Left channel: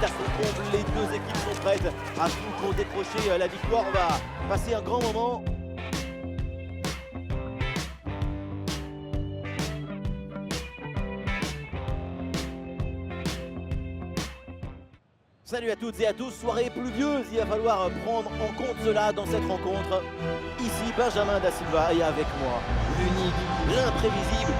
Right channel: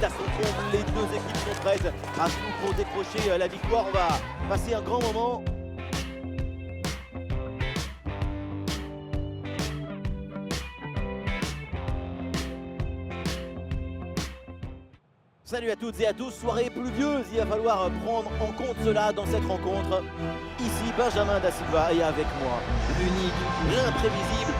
est à son comble, les deux équipes sont prêtes à tout pour décrocher la victoire. On va passer un grand moment. Salut à toutes et à tous, soirée pluvieuse, il va falloir prendre en compte cela dans cette rencontre. Ici Benjamin Da Silva et avec moi, l'unique, l'imprévisible,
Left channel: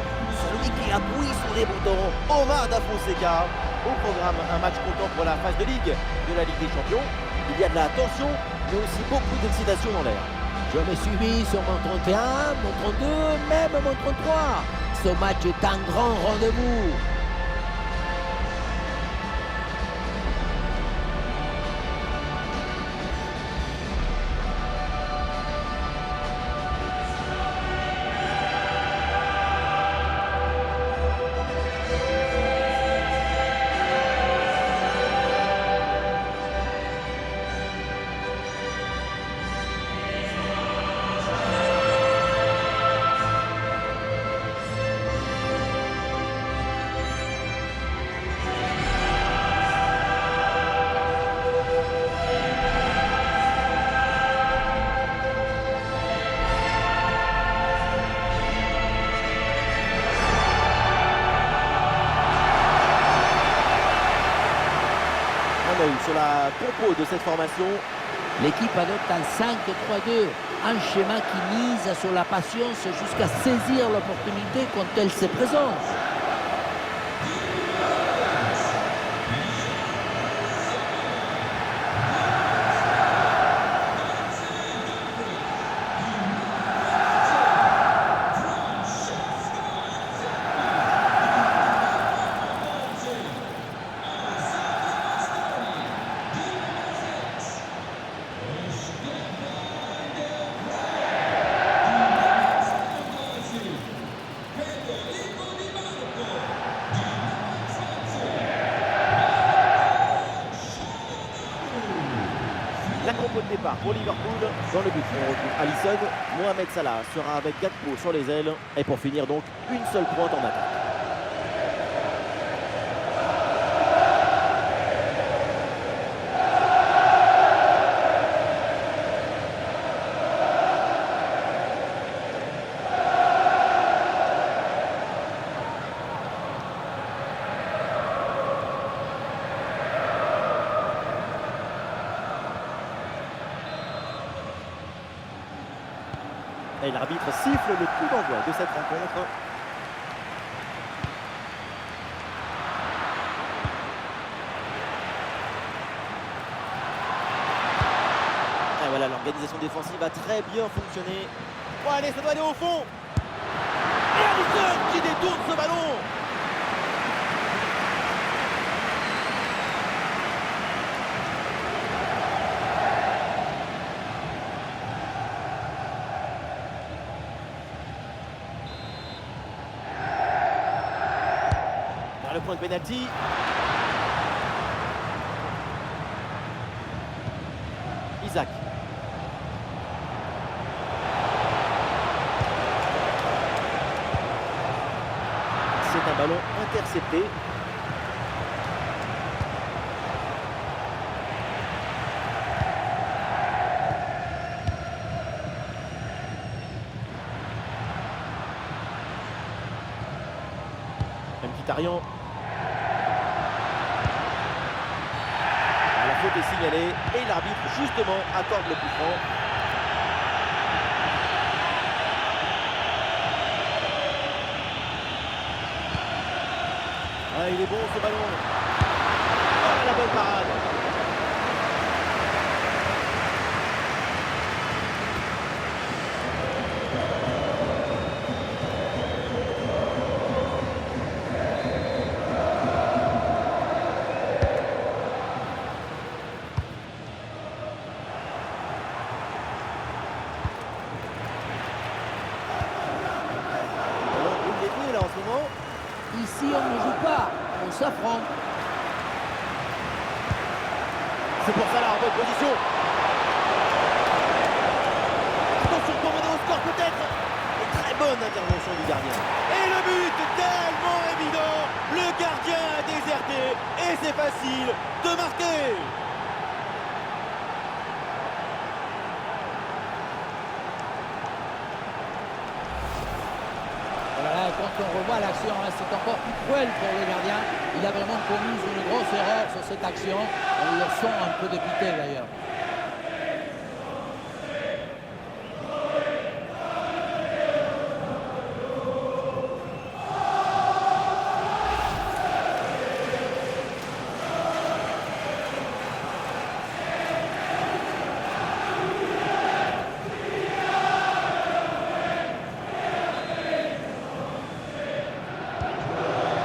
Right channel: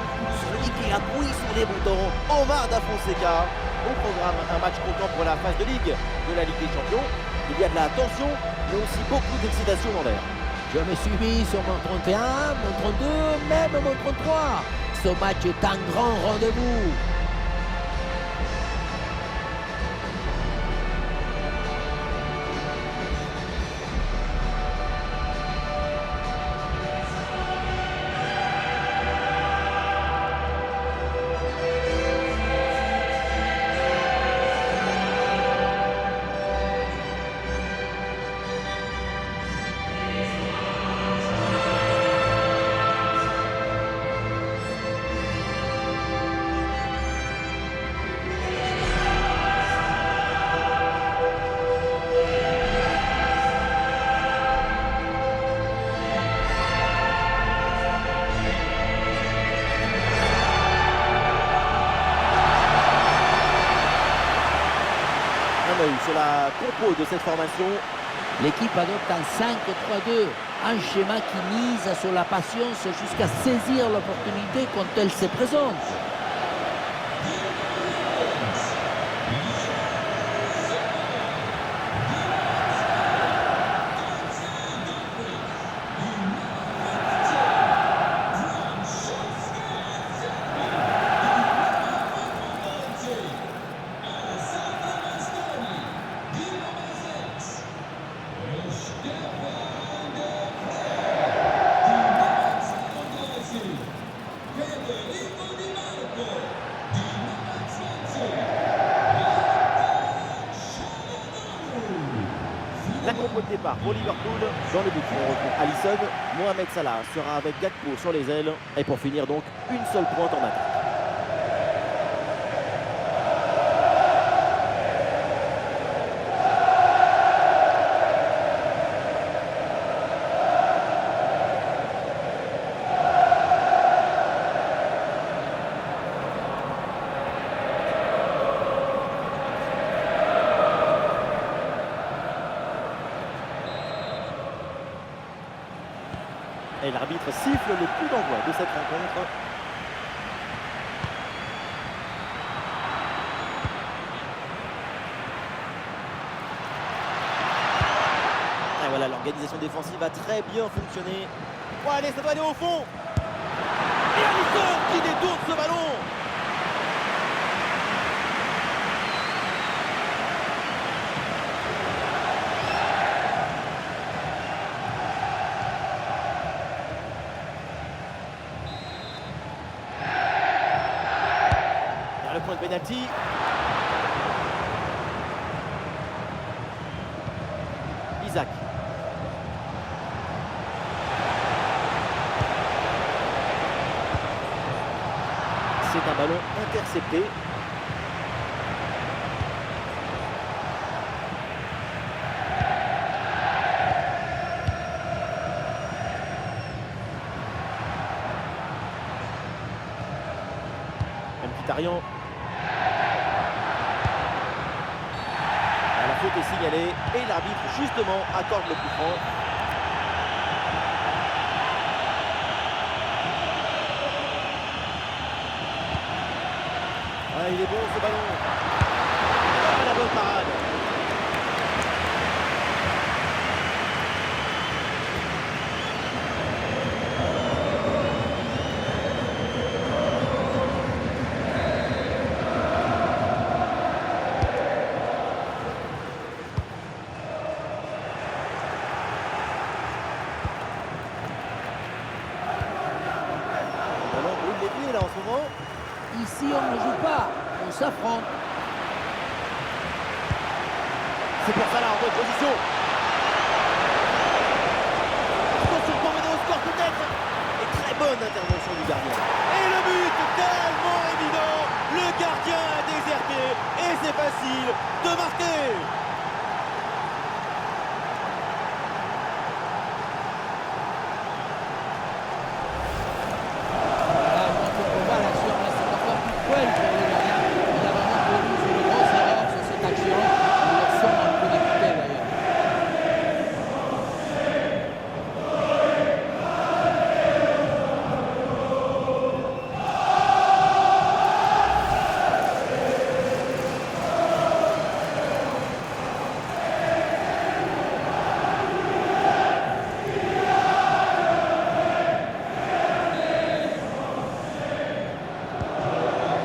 celui qui appuie sur les boutons, Omar Da Fonseca. Au programme, un match comptant pour la phase de Ligue de la Ligue des Champions. Il y a de la tension, mais aussi beaucoup d'excitation dans l'air. Je me suis mis sur mon 31, mon 32, même mon 33. Ce match est un grand rendez-vous. Un œil sur la compo de cette formation. L'équipe adopte un 5-3-2, un schéma qui mise sur la patience jusqu'à saisir l'opportunité quand elle se présente. La compo de départ pour Liverpool. Dans le but, on retrouve Alisson. Mohamed Salah sera avec Gakpo sur les ailes. Et pour finir donc, une seule pointe en attaque. Et l'arbitre siffle le coup d'envoi de cette rencontre. Et voilà, l'organisation défensive a très bien fonctionné. Oh, allez, ça doit aller au fond. Et Alisson qui détourne ce ballon. Le point de pénalty. Isaac. C'est un ballon intercepté. Mkhitaryan. La faute est signalée et l'arbitre justement accorde le coup franc. Ah, il est bon ce ballon. Oh, la bonne parade. Là en ce moment. Ici, on ne joue pas, on s'affronte. C'est pour ça là en bonne position. Attention pour mener au score peut-être. Et très bonne intervention du gardien. Et le but tellement évident. Le gardien a déserté et c'est facile de marquer. Voilà, quand on revoit l'action, hein, c'est encore plus cruel pour le gardien. Il a vraiment commis une grosse erreur sur cette action. On le sent un peu député d'ailleurs.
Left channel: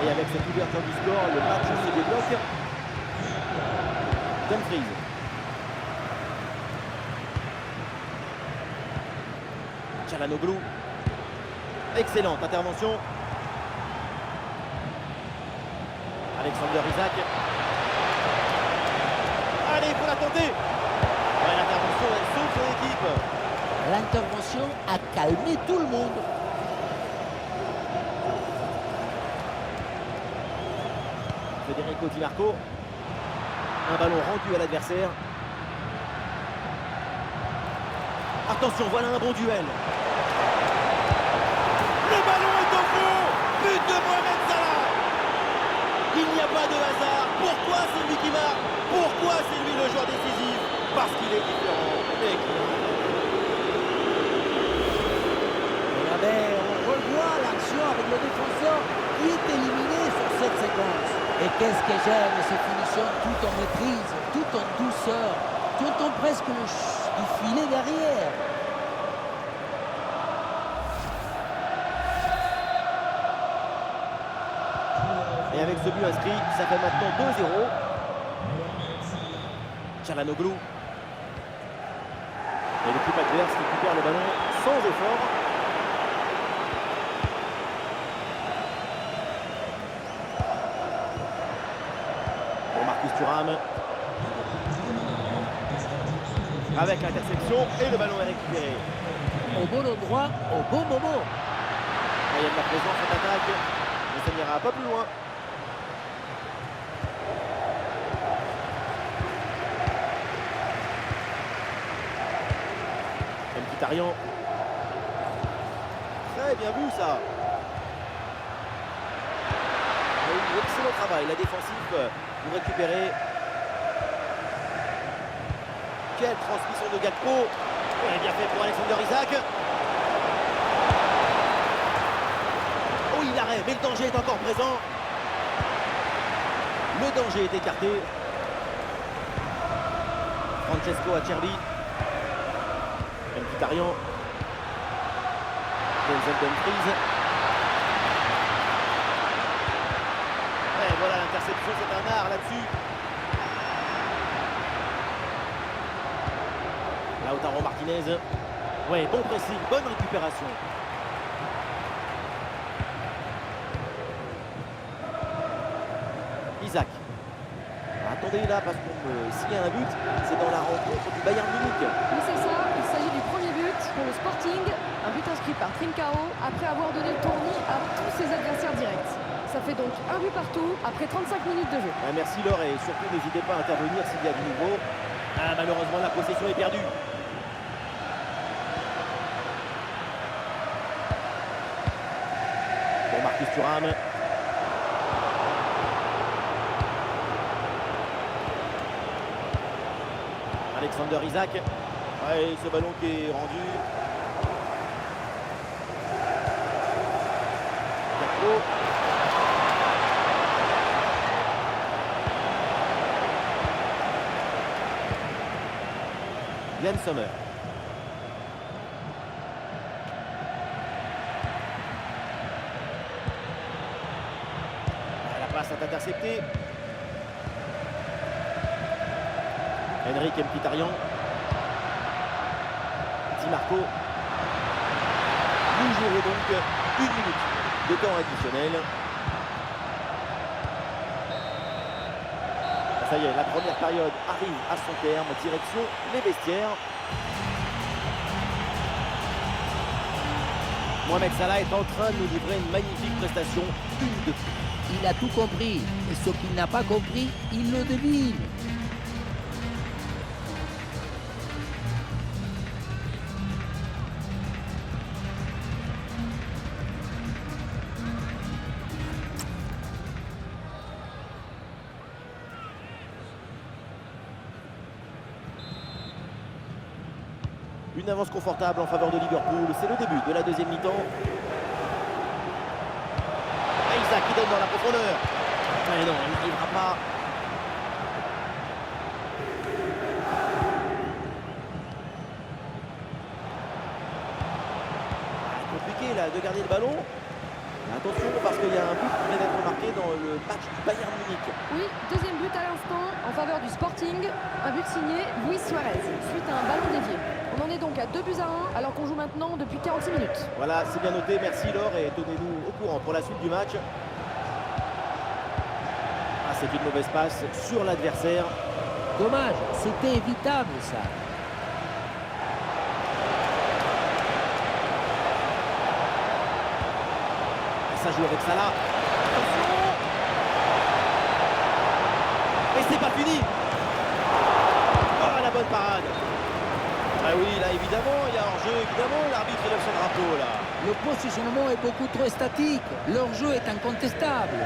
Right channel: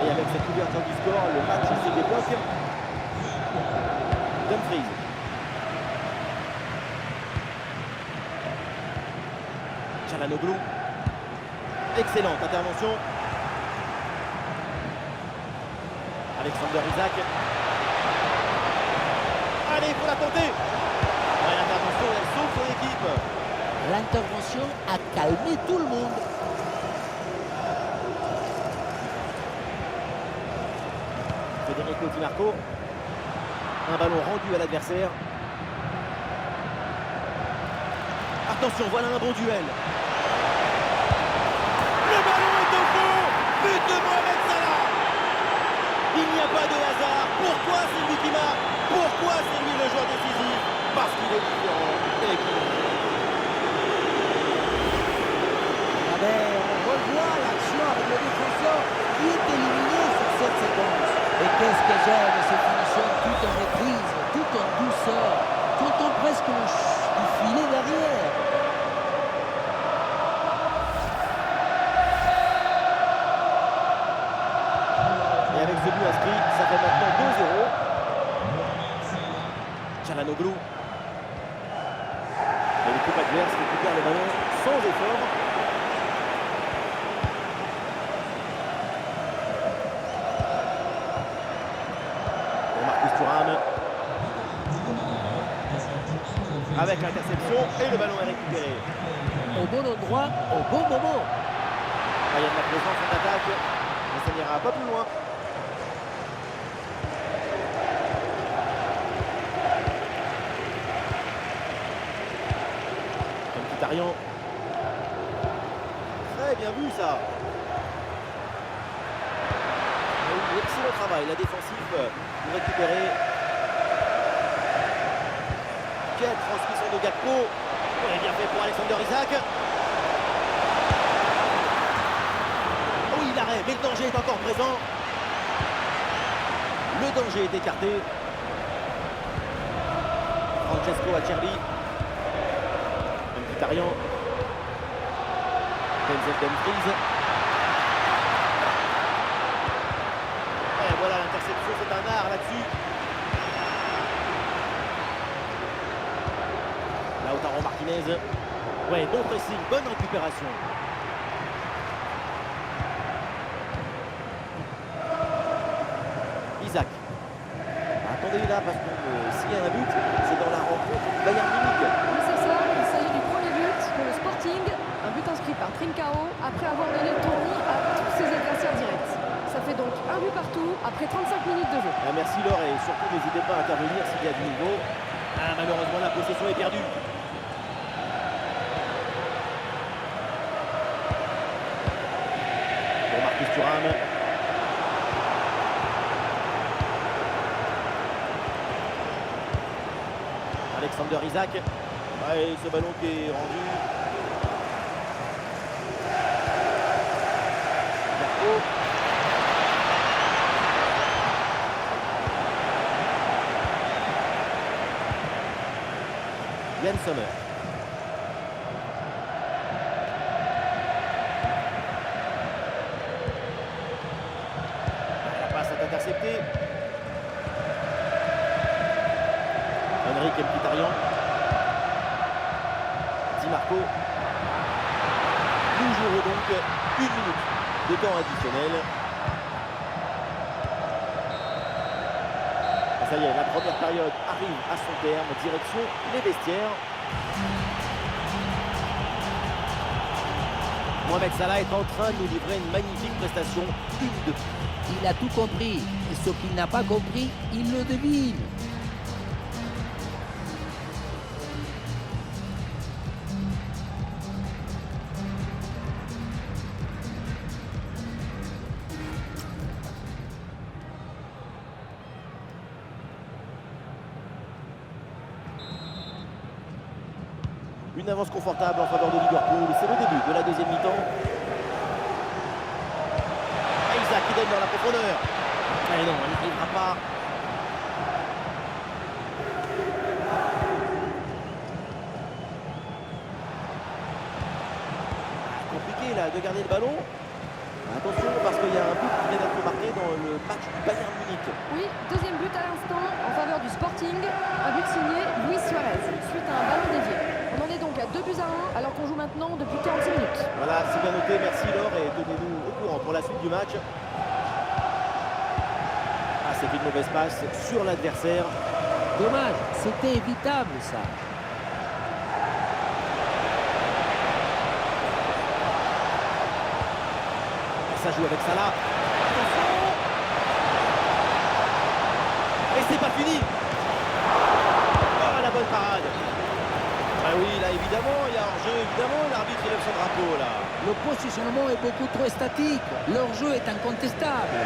Et avec cette ouverture du score, le match se débloque. Dumfries. Çalhanoğlu. Excellente intervention. Alexander Isak. Allez, il faut la tenter. Ouais, l'intervention, elle sauve son équipe. L'intervention a calmé tout le monde. Federico Di Marco. Un ballon rendu à l'adversaire. Attention, voilà un bon duel. Le ballon est au fond. But de Mohamed Salah. Il n'y a pas de hasard. Pourquoi c'est lui qui marque? Pourquoi c'est lui le joueur décisif? Parce qu'il est différent et qu'il Regardez, on revoit l'action avec le défenseur qui est éliminé sur cette séquence. Et qu'est-ce que j'aime ces finitions tout en maîtrise, tout en douceur. Tu entends presque le du filet derrière. Et avec ce but inscrit, ça fait maintenant 2-0. Çalhanoğlu. Et l'équipe adverse récupère le ballon sans effort. Pour Marcus Thuram. Avec l'interception et le ballon est récupéré. Au bon endroit, au bon moment. Ah, il y a de la présence en attaque, mais ça n'ira pas plus loin. Mkhitaryan. Très bien vu ça. Oui, excellent travail, la défensive pour récupérer. Quelle transmission de Gakpo. Ouais, bien fait pour Alexander Isak. Oh, il arrête, mais le danger est encore présent. Le danger est écarté. Francesco Acerbi. Mkhitaryan. Denzel Dumfries. Et voilà l'interception, c'est un art là-dessus. Lautaro Martinez. Ouais, bon pressing, bonne récupération. Isak. Attendez là, parce que s'il y a un but, c'est dans la rencontre du Bayern Munich. Oui, c'est ça. Il s'agit du premier but pour le Sporting. Un but inscrit par Trincao après avoir donné le tournis à tous ses adversaires directs. Ça fait donc un but partout après 35 minutes de jeu. Merci Laure et surtout n'hésitez pas à intervenir s'il y a du nouveau. Malheureusement la possession est perdue. Pour Marcus Thuram. Alexander Isak. Ouais, ce ballon qui est rendu. Gakpo. Yann Sommer. La passe est interceptée. Henrik Mkhitaryan. Di Marco. Nous jouerons donc 1 minute de temps additionnel. Ça y est, la première période arrive à son terme, direction les vestiaires. Mohamed Salah est en train de nous livrer une magnifique prestation, une de plus. il a tout compris. Et ce qu'il n'a pas compris, il le devine. Une avance confortable en faveur de Liverpool. C'est le début de la deuxième mi-temps. Isaac qui donne dans la profondeur. Mais non, elle n'arrivera pas. Compliqué là de garder le ballon. Attention parce qu'il y a un but qui vient d'être marqué dans le match du Bayern Munich. Oui, deuxième but à l'instant en faveur du Sporting. Un but signé Luis Suarez suite à un ballon dévié. On en est donc à 2-1 alors qu'on joue maintenant depuis 46 minutes. Voilà, c'est bien noté. Merci Laure et tenez-nous au courant pour la suite du match. Ah, c'est une mauvaise passe sur l'adversaire. Dommage, c'était évitable ça. Ça joue avec Salah. Attention! Et c'est pas fini! Oh, la bonne parade! Ah oui, là, évidemment, il y a hors-jeu, évidemment, l'arbitre lève son drapeau, là. Le positionnement est beaucoup trop statique. Leur jeu est incontestable.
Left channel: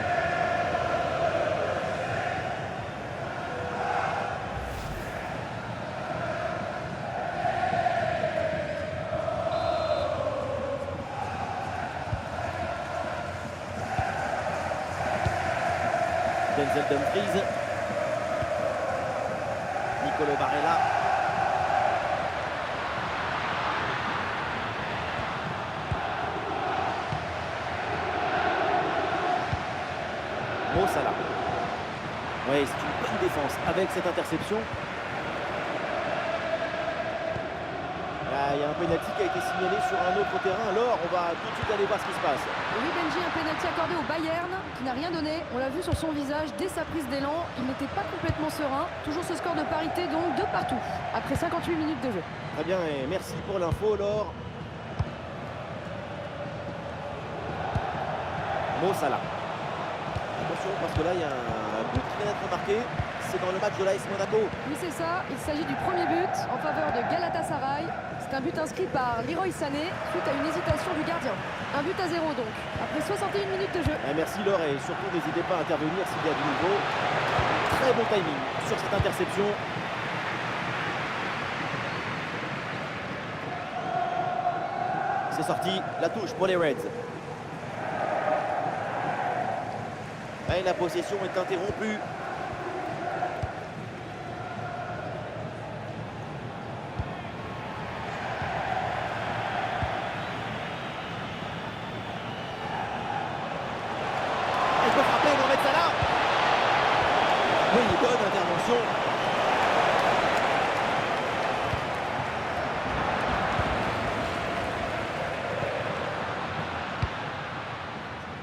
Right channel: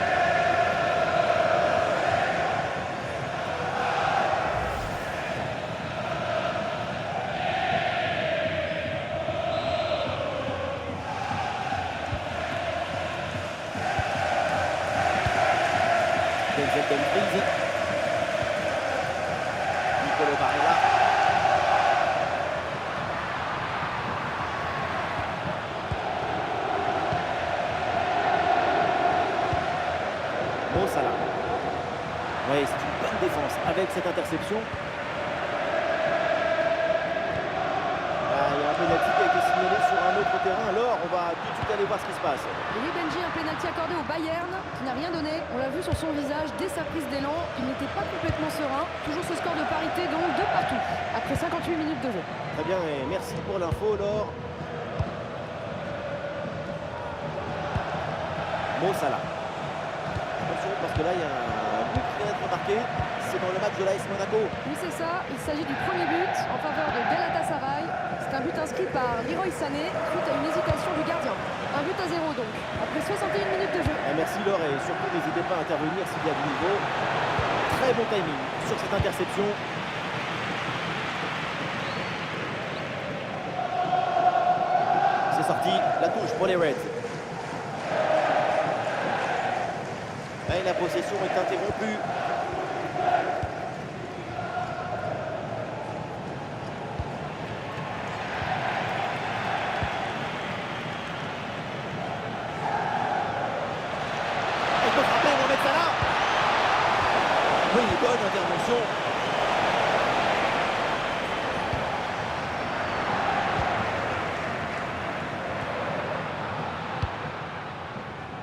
Denzel Dumfries. Nicolo Barella. Mo Salah. Oui, c'est une bonne défense avec cette interception. Là, il y a un pénalty qui a été signalé sur un autre terrain. Alors, on va tout de suite aller voir ce qui se passe. Et oui, Benji, un pénalty accordé au Bayern qui n'a rien donné. On l'a vu sur son visage dès sa prise d'élan. Il n'était pas complètement serein. Toujours ce score de parité, donc de partout. Après 58 minutes de jeu. Très bien, et merci pour l'info, Laure. Mo Salah. Attention, parce que là, il y a un but qui vient d'être marqué. C'est dans le match de l'AS Monaco. Oui, c'est ça. Il s'agit du premier but en faveur de Galatasaray. C'est un but inscrit par Leroy Sané suite à une hésitation du gardien. Un but à 0 donc, après 61 minutes de jeu. Merci Laure, et surtout n'hésitez pas à intervenir s'il y a du nouveau. Très bon timing sur cette interception. C'est sorti, la touche pour les Reds. Et la possession est interrompue. Il peut frapper Mohamed Salah. Oui, bonne intervention.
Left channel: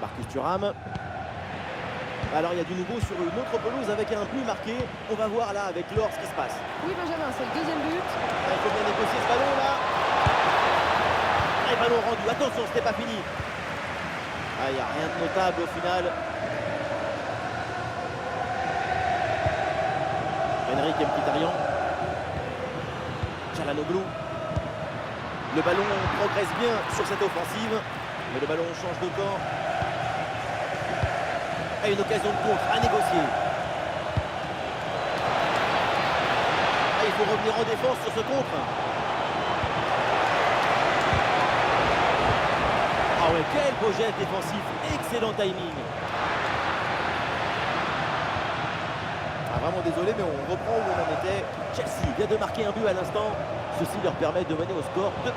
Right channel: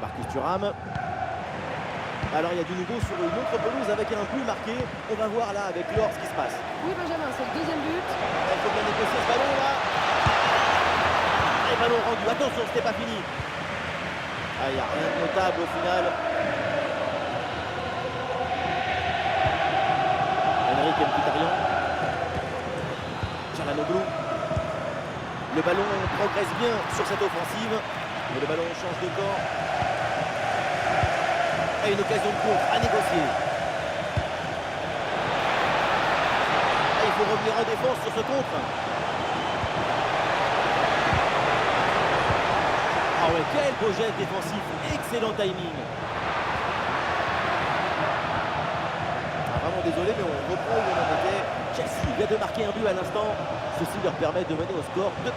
Marcus Thuram. Alors il y a du nouveau sur une autre pelouse avec un but marqué. On va voir là avec Laure ce qui se passe. Oui, Benjamin, c'est le deuxième but. Il faut bien négocier ce ballon là. Et ballon rendu. Attention, c'était pas fini. Ah, il n'y a rien de notable au final. Henrik Mkhitaryan. Çalhanoğlu. Le ballon progresse bien sur cette offensive. Mais le ballon change de camp. Et une occasion de contre à négocier. Ah, il faut revenir en défense sur ce contre. Ah ouais, quel beau geste défensif. Excellent timing. Ah, vraiment désolé, mais on reprend où on en était. Chelsea vient de marquer un but à l'instant. Ceci leur permet de mener au score 2-1.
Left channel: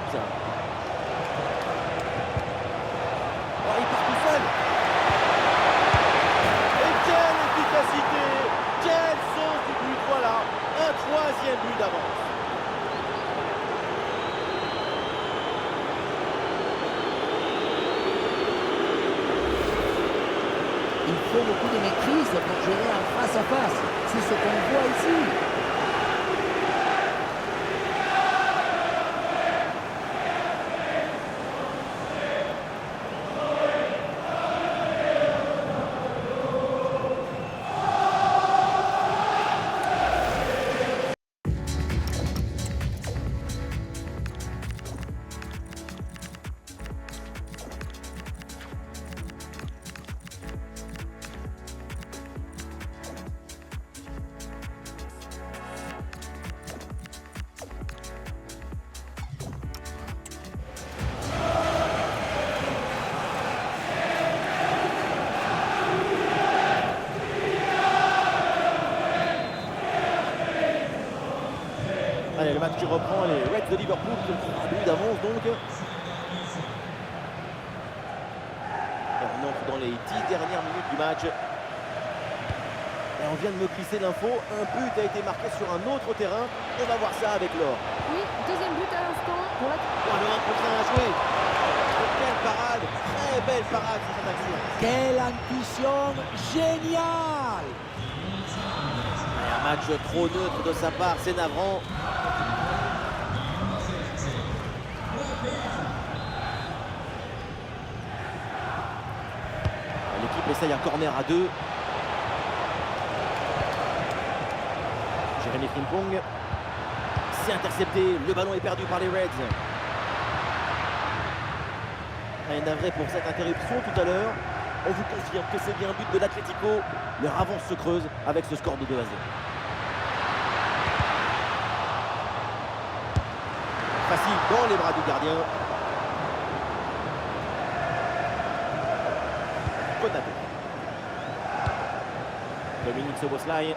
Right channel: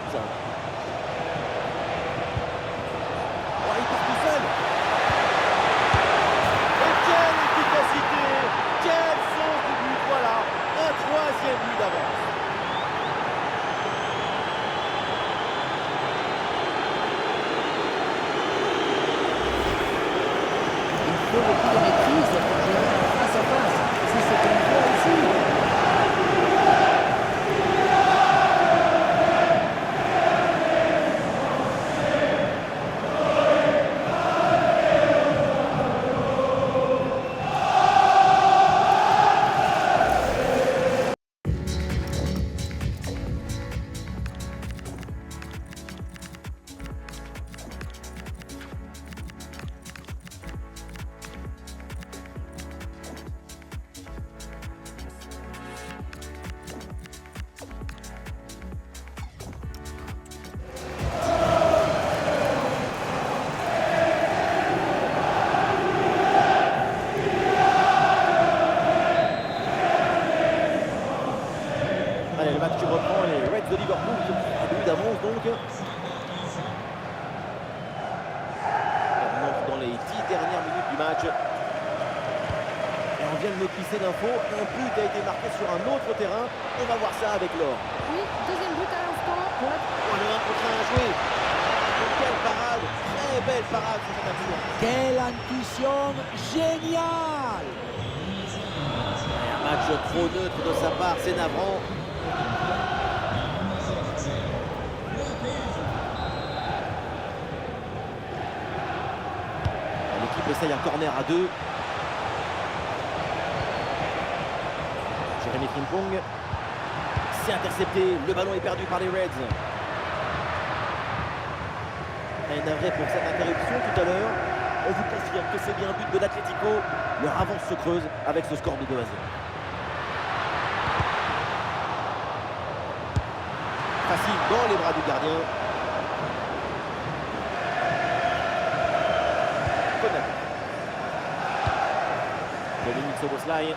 Oh, il part tout seul. Et quelle efficacité. Quel sens du but. Voilà, un troisième but d'avance. Il faut beaucoup de maîtrise pour gérer un face-à-face. C'est ce qu'on voit ici. Allez, le match qui reprend, les Reds de Liverpool qui ont 3 buts d'avance donc. Et on entre dans les 10 dernières minutes du match. Et on vient de me glisser l'info, un but a été marqué sur un autre terrain. On va voir ça avec Laure. Oui, deuxième but à l'instant pour la... Oh, le 1 contre 1 à jouer. Quelle parade, très belle parade sur cette action. Quelle intuition géniale! Et un match trop neutre de sa part, c'est navrant. L'équipe essaye un corner à 2. Jérémy Frimpong. C'est intercepté, le ballon est perdu par les Reds. Et navré pour cette interruption tout à l'heure. On vous confirme que c'est bien un but de l'Atlético. Leur avance se creuse avec ce score de 2 à 0. Facile dans les bras du gardien. Konaté. Dominique Szoboszlai.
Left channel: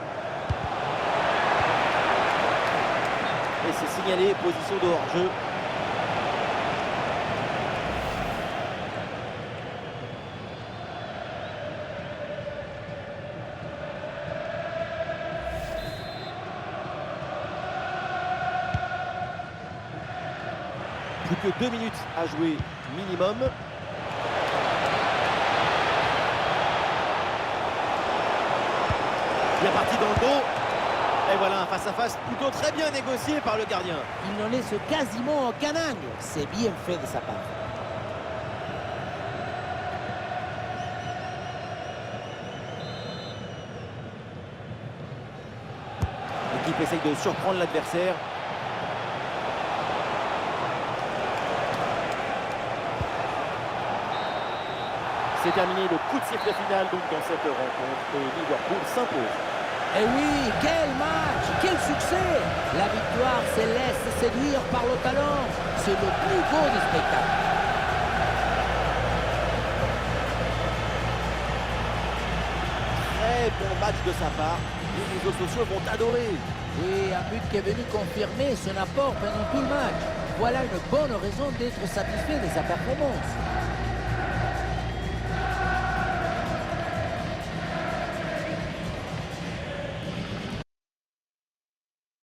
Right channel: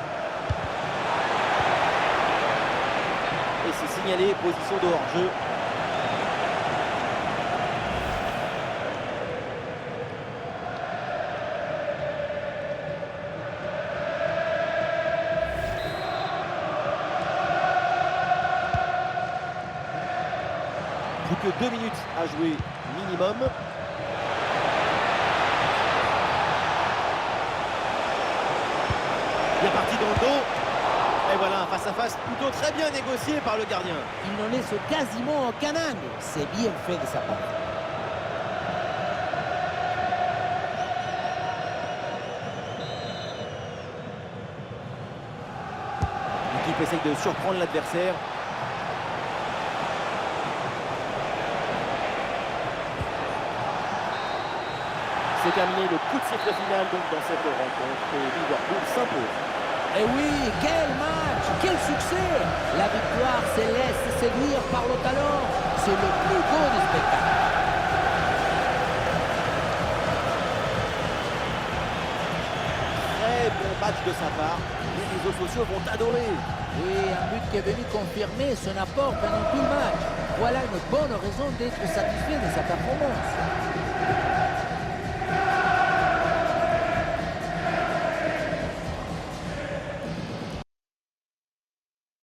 Et c'est signalé, position de hors-jeu. Plus que 2 minutes à jouer minimum. Bien parti dans le dos. Et voilà un face-à-face plutôt très bien négocié par le gardien. Il ne laisse quasiment aucun angle. C'est bien fait de sa part. L'équipe essaye de surprendre l'adversaire. C'est terminé le coup de sifflet final donc dans cette rencontre et Liverpool s'impose. Et oui, quel match, quel succès! La victoire se laisse séduire par le talent. C'est le plus beau des spectacles. Très bon match de sa part. Les réseaux sociaux vont adorer. Oui, un but qui est venu confirmer son apport pendant tout le match. Voilà une bonne raison d'être satisfait de sa performance.